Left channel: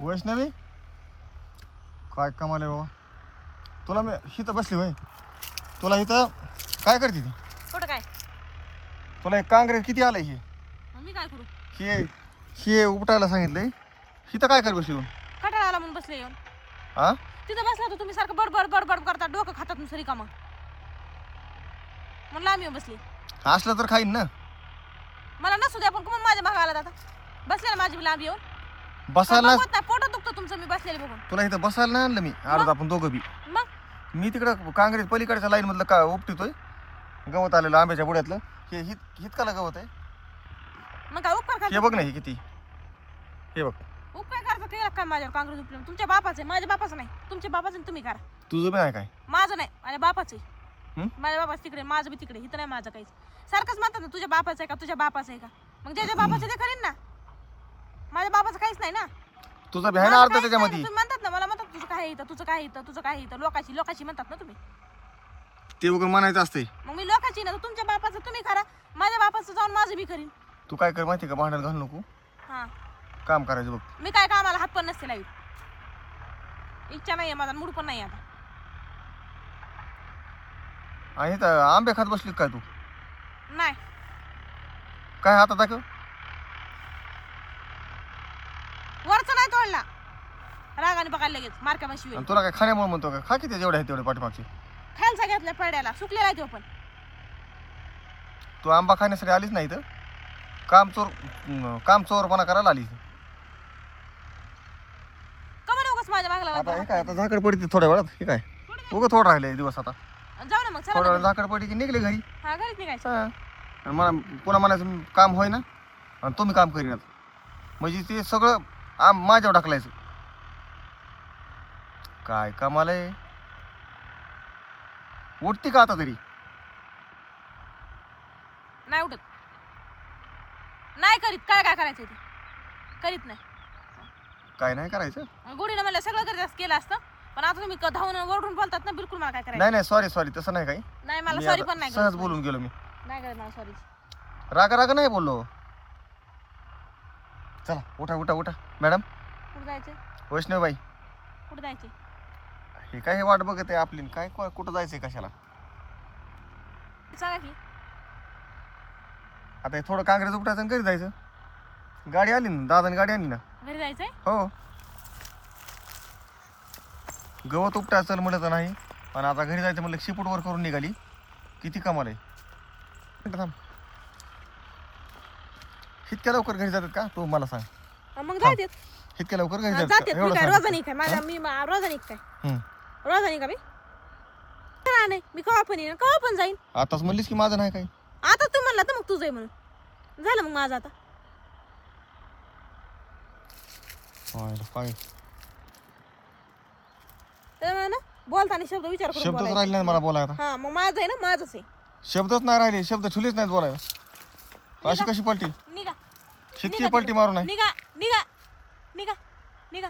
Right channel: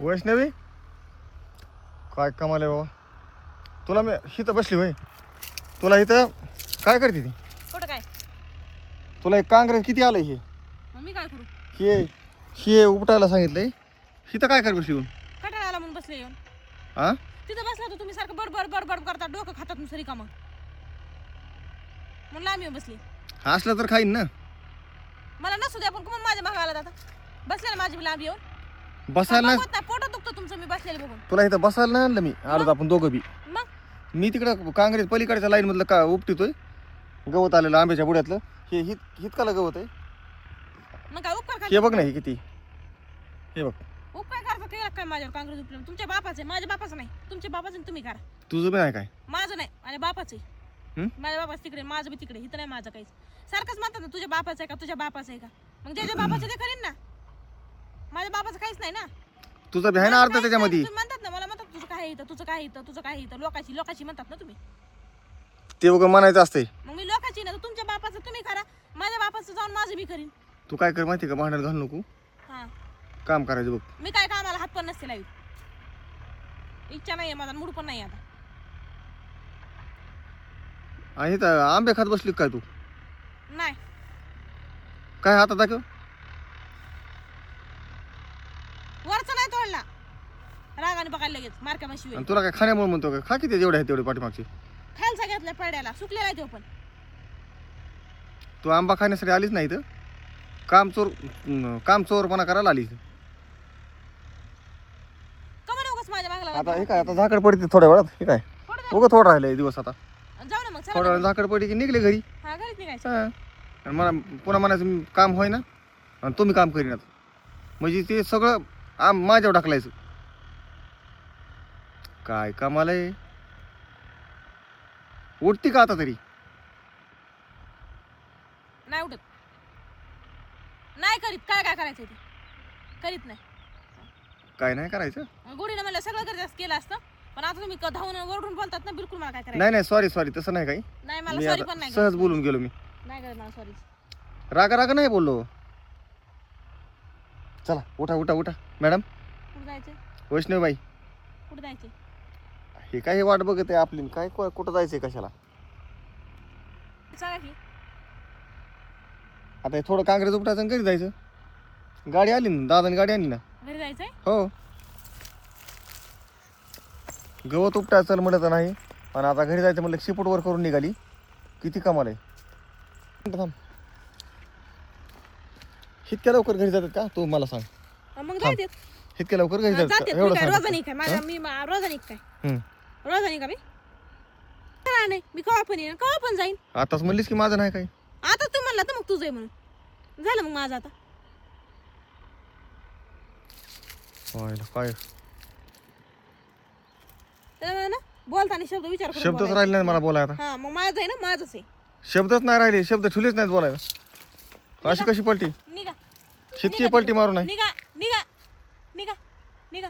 वैष्णवी काय कमाल आहे बाबा. तुला मी इथं बसली होय. तुला इथं काय करते ती? कुठं काय तुला एक काँग्रेस किती आलंय हे? मग मी काय करू? हे हे उपटायला सांगितलंय. इथं काय कर बसली तू? कटाळा आला म्हणून बसले येऊन. हा तिथं बसला तर तुम्ही सारखं बडबड बडबड करता, डोकं खातात नुसतं रिकामं. म्हणलं आम्ही येऊन बसली. असलं तर खाईन ना. मला नसू द्या पण कोण माझ्या भागाला जाता बसले ना माझी लांब येऊन. बसायला बघत नाही पोटात दुखतं तुमचं मी बसलेले बघून. तुला इथं बसायला नाही आणलं मी. आलो आपण दोघं बी. मग मी तिकडं काँग्रेस पलीकडच्या लाईन मधलं का उपटितोय. गवत आलेलं आंब्याच्या बुड्यातलं. हे हितकाला गवत आहे. मग काय उपकार हे करायचा? बघ ना हे किती. हे बघ उपकार करायचा केला काय माझ्यावर काँग्रेस उपले? तुमच्या बापाचं आहे, माझ्या बापाचं नाही. तुमच्या बापाचं आणि तुम्ही करा. तुझं बी नाही काय. माझं नाही, माझ्या बापाचं आहे. माझ्या बापाचं तिकडे, माझं बी तिकडे. इथं नाही माझं काहीच. सारखंच म्हणतात ना तुझ्या बापाचं आहे का, तुझ्या बापाचं आहे का. मग ज्याच्या बापाचं ते करीन ना. माझ्या बापाचं काहीच नाही ना. तुझं बी आहे ना माझं अर्ध काहीच नाही. त्याच्यामध्ये. तुम्ही म्हणतात ना, मला म्हणतात तुझं काय इथं, तुझं काय इथं, तुझं काय इथं. लोकाची म्हणतात ना तुम्ही. ते उगं म्हणायचं असते. मग मी लोकाची ना, तर तुमच्या बापाचं तुम्ही करा. माझ्या बापाचं जाऊन माझं बी करीन. तू काय कर माहिती का, भांडण घालू नको. हा काम करायचं बघ. मी काय कामाला हात पण नसते लावीत. इच्छा नाहीये माझा, मूड पण नाही आता. आणि इथं आंबे खात बसली काय तू? नाही काय हातात दाखव. वरचं नाही तोडला. रागाने बघायला लगेच मार्का मशी होईल. आणि तुला काय खाण्यामुळे म्हणतो का? खा किती जेवढे आहे तेवढे पाठीमागचे. खायला घेतल्या पड्याला सुकलेला आहे तो पण. तू आंबा खाण्यासाठी आलीच नाही तर काम चोरपणा करायला आली. कमी नकोस माझ्या मागला आता हे काय आता झाकड पडते थोड्या वेळात. हे काय उगं थोडं राहिले दिवस आता. जाऊ ना मग चला थोडा ना वेळ घरी. झाकड पडली की निघले घरी. हा घरीच निघायचं. हा. आणि मला पुन्हा म्हणायचं काम होय ना आणि तुम्ही काम करीनात. म्हणजे ते सगळं माझ्यावर ढकलायचं. काय कामाल आहे. उठती का आता तरी? नाही उठत. नाही करीत. काय करायचं ते करीत नाही. काय नाही करायचं. गुढीनं मला सगळं करायचं केलं असतं. पण आता तुम्ही धावून वरडून बोलतात ना, बिलकुल मला काय करायचं नाही सॉरी तसं नाही काही. नाही. मला मी सॉरी आता पण नाही सहज करत. बोलून गेलो मी. नाही करत मला सॉरी. राग नाही बोललो. चला उठा मॅडम. कुठं जायचं? वैष्णवबाई कुठं जायचे? हे काय वाट बघत आहे आपली. काय कुठं जायचंय कशाला? सांगा की. आता हे थोडं काँग्रेस उपटायचं आणि घरी जायचं. गाडी आली ना, दादानी गाडी आणली ना. घरी जायचंय? हो. गवत उपटायचं म्हणत नाही. पण आता घरी जायचं म्हणलं शिपूट वर करून निघाली. किती कमाल आहे. थांब. इतक्या लवकर घरी जातात का तू मला सांग. मग जायचे. इतक्या लवकर घरी जाते. जातात मी काय रोजानी काय माझ्या मी रोजानी काय रोजानी का मी नाही. मी कवा पण येईन, कवा पण जाईन. आताच म्हणलीस की माझं नाही काही. आता तू म्हणला तर मग तुझं आहे म्हणून झालं. मग माझं आता काय त्यामुळे ना बोलताना शब्द विचार करून शब्दच राहिले बोलायचं. नाही मला बोलायला. हा मग माझं आहे ना, माझंच आहे. शब्दच नाही राहिले. शब्द ठुलेच नाहीत बोलायला. अशी कशी पलटी? निघा शितकी पलटी मारू नाही. निघा निघा निघा निघा.